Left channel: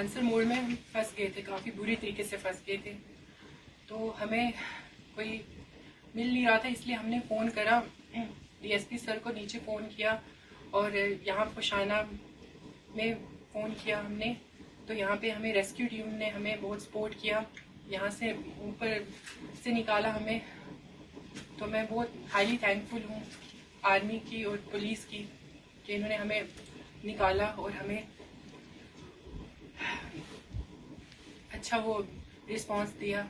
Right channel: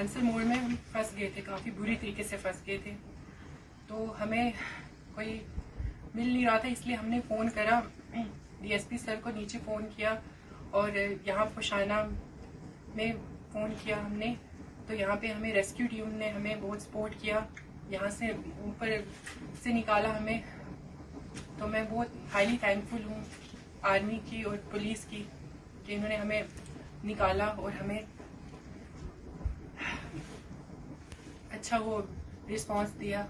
Answer mode में हम फंस गए थे, काफ़ी बुरी तरीके से फंस गए थे। तो हमें कोई मिल नहीं रहा था, इसलिए हमने फ़ोन करा, डीएसपी सर को नीचे फ़ोन किया और यहाँ पुशाना में फ़ोन किया हमने। तो यहाँ पे हमें रेस्क्यू टीम ने हमें बहुत सपोर्ट किया, यहाँ से ऊपर से निकाला हमें। तो मैं बहुत हाईली थैंकफुल हूँ आर्मी की और पुलिस की कि इन्होंने हमें निकाला और हमें अच्छा वो रिस्पांस दिया।